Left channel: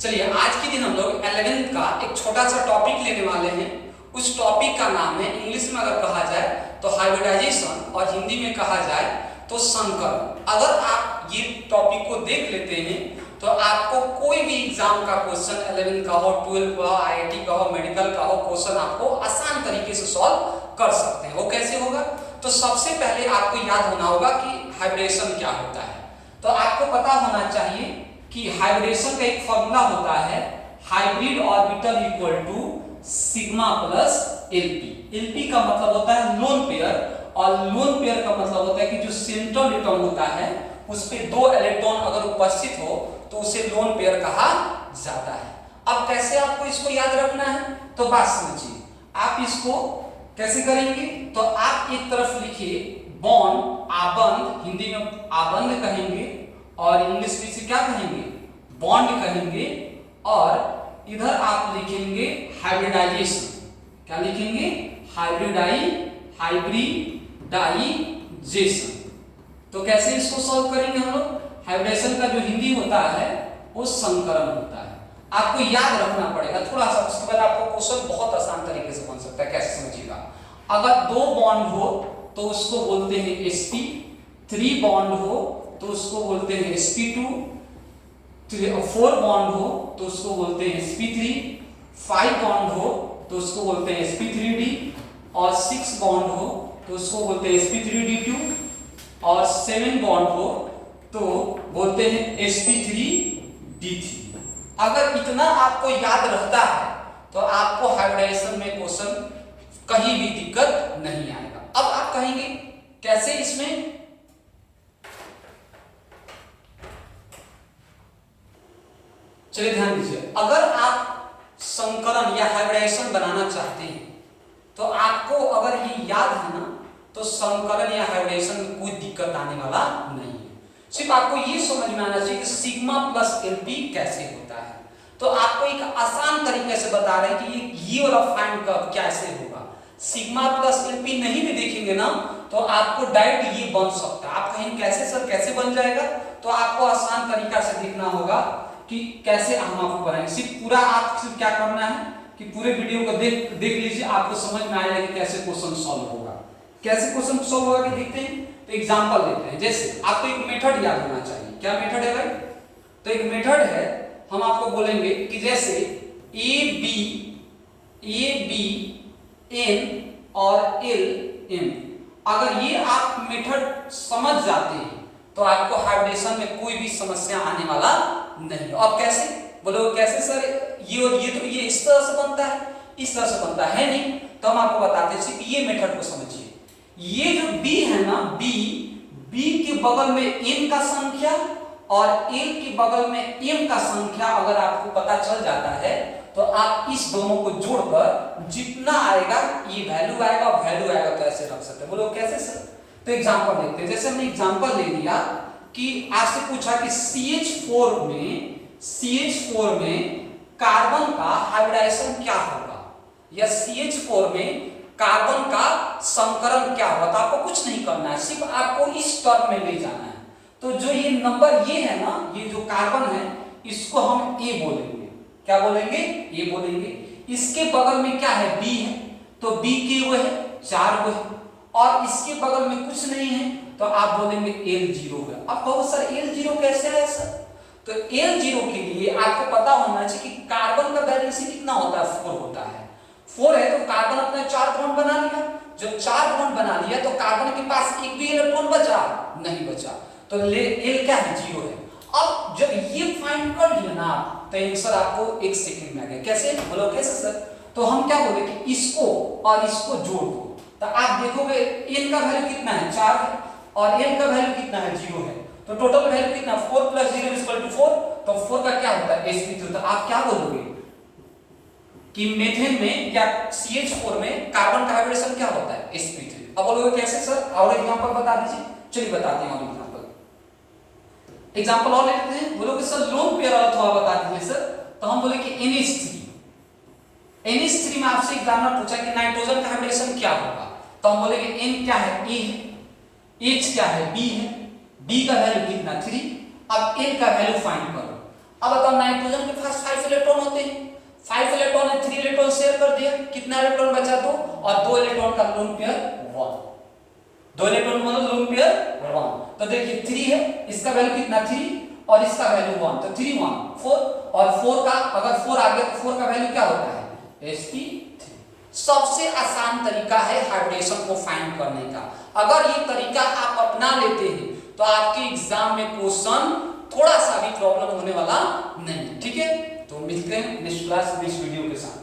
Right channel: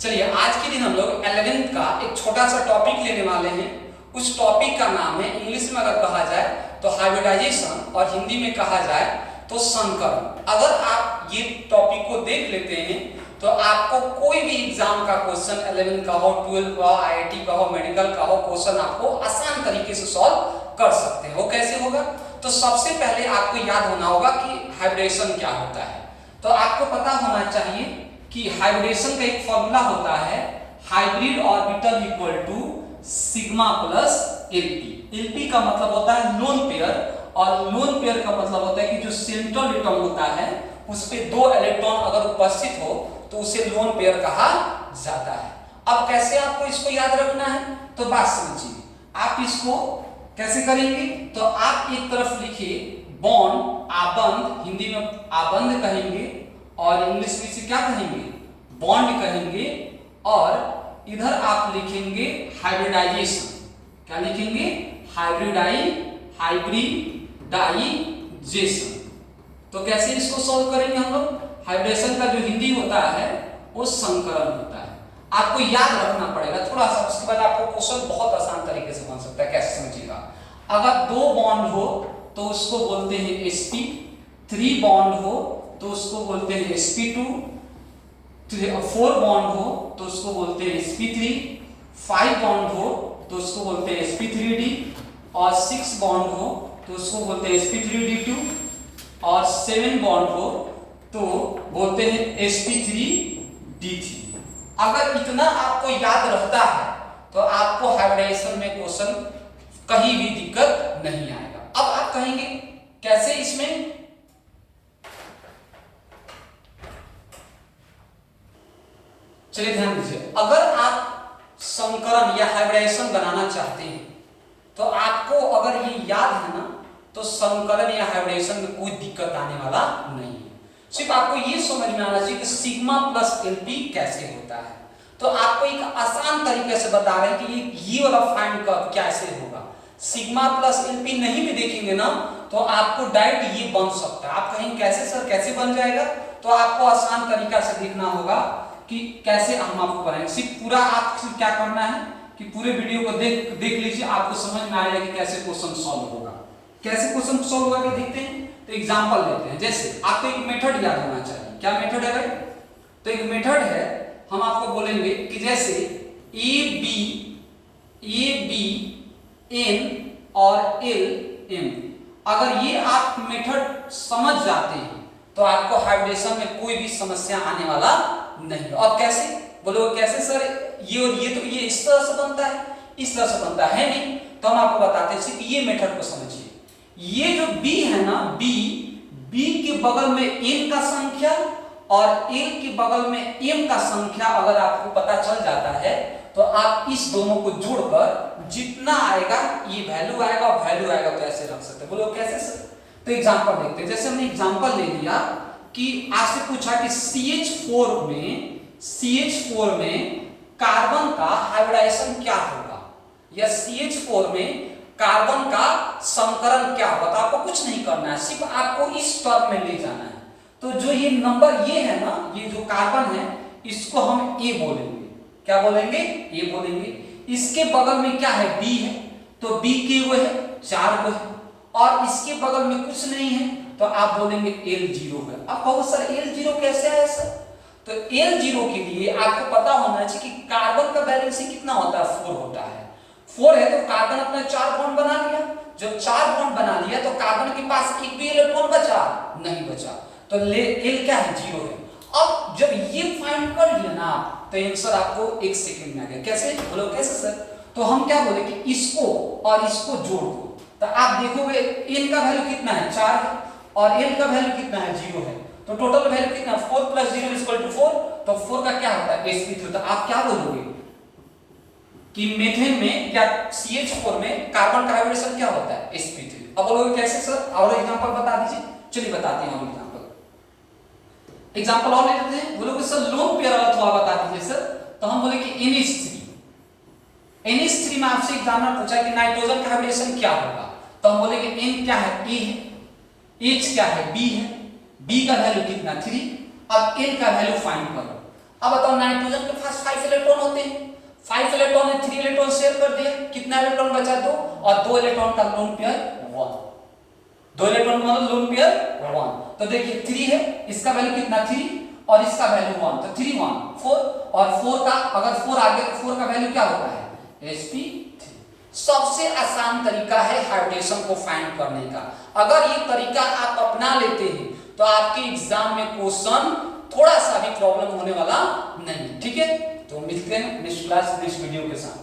चलिए आज के दिन हम लोग 11th का एक छोटा सा टॉपिक लेने वाले हैं। उस टॉपिक का नाम है, इंग्लिश में अगर कहा जाए तो हाइब्रिडाइजेशन और हिंदी में कहा जाए तो संकरण। अगर आप ये टॉपिक को देख लेते हैं तो आपको कोई भी एग्जाम का क्वेश्चन 11 का हो, 12 का हो, IIT का हो, मेडिकल का हो, क्वेश्चन आपको आसान तरीके से सॉल्व कर सकते हैं। वो कैसे होगा? तो सबसे पहले आपको याद होना होगा कि हाइब्रिडेशन क्या होता है। तो आपको पता होना चाहिए कि हाइब्रिडेशन का एक फॉर्मूला होता है, hybrid orbital equal to sigma plus LP. LP का मतलब होता है लोन पेयर, और लोन पेयर का मतलब होता है कि जो सेंट्रल एटम होता है उस पे दो इलेक्ट्रॉन अगर उपस्थित हो तो उसे लोन पेयर कहा जाता है। अब कैसे आपको इसको याद रखना है तो बात समझिए। आप इसको कैसे करेंगे तो आप एक तरफ लिखिए बॉन्ड, आबंध, हिंदी में आबंध कहेंगे और इंग्लिश में इसे क्या कहेंगे? बॉन्ड कहेंगे। और इधर आप लिखेंगे हाइब्रिडाइजेशन। क्या लिखेंगे? हाइब्रिडाइजेशन। तो कैसे इसको सॉल्व करेंगे हम लोग? हाइब्रिडेशन का जो हिंदी होता है वो संकरण होता है। आपको याद रखना पड़ेगा थोड़ा सा, उसके बाद आपको क्वेश्चन बहुत आसान तरीके से बन सकता है। कैसे समझिएगा? अगर दो बॉन्ड हो तो उसको बोलते हैं sp, 3 बॉन्ड हो तो उसको बोलते हैं sp2, 4 बॉन्ड हो तो उसको बोलते हैं sp3, 5 बॉन्ड हो तो उसको बोलते हैं sp3d, और 6 बॉन्ड हो तो उसको बोलते हैं sp3d2, और 7 बॉन्ड हो तो बोलते हैं sp3d3। अगर इतना आपको याद रहता है तो आपको हाइब्रिडेशन में क्वेश्चन कहीं भी दिक्कत नहीं आएगा। अब आप कहेंगे कैसे इसमें? चलिए ध्यान दीजिए, अगर आप संकरण या हाइब्रिडाइजेशन बनाना चाहते हैं तो आपको अगर ये याद है ना तो संकरण या हाइब्रिडाइजेशन में कोई दिक्कत आने वाला नहीं है। सिर्फ आपको ये समझ में आना चाहिए कि सिग्मा प्लस एलपी कैसे होता है। तो आपको एक आसान तरीके से बता रहे हैं कि ये वाला फाइंड कैसे होगा। सिग्मा प्लस एलपी नहीं भी देखेंगे ना तो आपको डायरेक्ट ये बन सकता है। आप कहेंगे कैसे सर, कैसे बन जाएगा? तो आपको आसान तरीका से देखना होगा कि कैसे हम आपको बनाएंगे। सिर्फ पूरा आप सिर्फ क्या करना है कि पूरे वीडियो को देख लीजिए, आपको समझ में आएगा कि कैसे क्वेश्चन सॉल्व होगा। कैसे क्वेश्चन सॉल्व होगा देखते हैं। तो एग्जांपल देते हैं। जैसे आपको एक मेथड याद होना चाहिए। क्या मेथड है भाई? तो एक मेथड है, हम आपको बोलेंगे कि जैसे ए बी एन और एल एम, अगर ये आप मेथड समझ जाते हैं तो आपको हाइब्रिडेशन में कोई भी समस्या आने वाला नहीं। अब कैसे बोलो? कैसे सर? ये और ये तो ये इस तरह से बनता है, इस तरह से बनता है नहीं। तो हम आपको बताते हैं, सिर्फ ये मेथड को समझिए। ये जो b है ना, b के बगल में n का संख्या और l के बगल में m का संख्या अगर आपको पता चल जाता है तो आप इस दोनों को जोड़कर जितना आएगा ये वैल्यू आएगा और वैल्यू आएगा तो ऐसे रख सकते हैं। बोलो कैसे सर? तो एग्जांपल देखते हैं। जैसे हमने एग्जांपल ले लिया कि आपसे पूछा कि CH4 में कार्बन का हाइब्रिडाइजेशन क्या होगा, या CH4 में कार्बन का संकरण क्या होगा। तो आपको कुछ नहीं करना है, सिर्फ आपको इस टर्म में ले जाना है। तो जो ये नंबर ये है ना, ये जो कार्बन है इसको हम A बोलेंगे। क्या बोलेंगे? A बोलेंगे। इसके बगल में क्या है? B है, तो B के वो है 4 वो है, और इसके बगल में कुछ नहीं है तो आप बोलेंगे L0 है। अब कहो सर L0 कैसे है सर? तो L0 के लिए आपको पता होना चाहिए कि कार्बन का बैलेंस कितना होता है? 4 होता है। 4 है तो कार्बन अपने 4 बॉन्ड बना लिया। जब 4 बॉन्ड बना लिया तो कार्बन के पास एक भी इलेक्ट्रॉन बचा नहीं बचा, तो L क्या है? 0 है। अब जब ये फाइंड कर लिया ना तो आंसर आपको 1 सेकंड में आ गया। कैसे? बोलो कैसे सर? तो हम क्या बोले कि इसको और इसको जोड़ दो तो आप देखोगे n का वैल्यू कितना है? 4 है, और n का वैल्यू कितना है? 0 है। तो टोटल वैल्यू कितना? 4 + 0 = 4। तो 4 का क्या होता है? sp3। तो आप क्या बोलोगे कि मीथेन में या CH4 में कार्बन का हाइब्रिडेशन क्या होता है? sp3। अब बोलोगे कैसे सर? और एग्जांपल बता दीजिए। चलिए बताते हैं और एग्जांपल और ले लेते हैं। बोलोगे सर लोन पेयर वाला थोड़ा बता दीजिए सर। तो हम बोले कि NH3 में आपसे एग्जामिनर पूछा कि नाइट्रोजन का हाइब्रिडेशन क्या होगा। तो हम बोलेंगे N क्या है? A है, H क्या है? B है, B का वैल्यू कितना? 3। अब L का वैल्यू फाइंड करो। अब बताओ नाइट्रोजन के पास 5 इलेक्ट्रॉन होते हैं, 5 इलेक्ट्रॉन ने 3 इलेक्ट्रॉन शेयर कर दिया, कितना इलेक्ट्रॉन बचा? 2, और 2 इलेक्ट्रॉन का लोन पेयर 1, 2 इलेक्ट्रॉन मतलब लोन पेयर 1। तो देखिए 3 है, इसका वैल्यू कितना? 3, और इसका वैल्यू 1, तो 3 1 4, और 4 का अगर 4 आ गया तो 4 का वैल्यू क्या होता है? sp3। सबसे आसान तरीका है हाइब्रिडेशन को फाइंड करने का। अगर ये तरीका आप अपना लेते हैं तो आपके एग्जाम में क्वेश्चन थोड़ा सा भी प्रॉब्लम होने वाला नहीं। ठीक है, तो मिलते हैं नेक्स्ट क्लास नेक्स्ट वीडियो के साथ।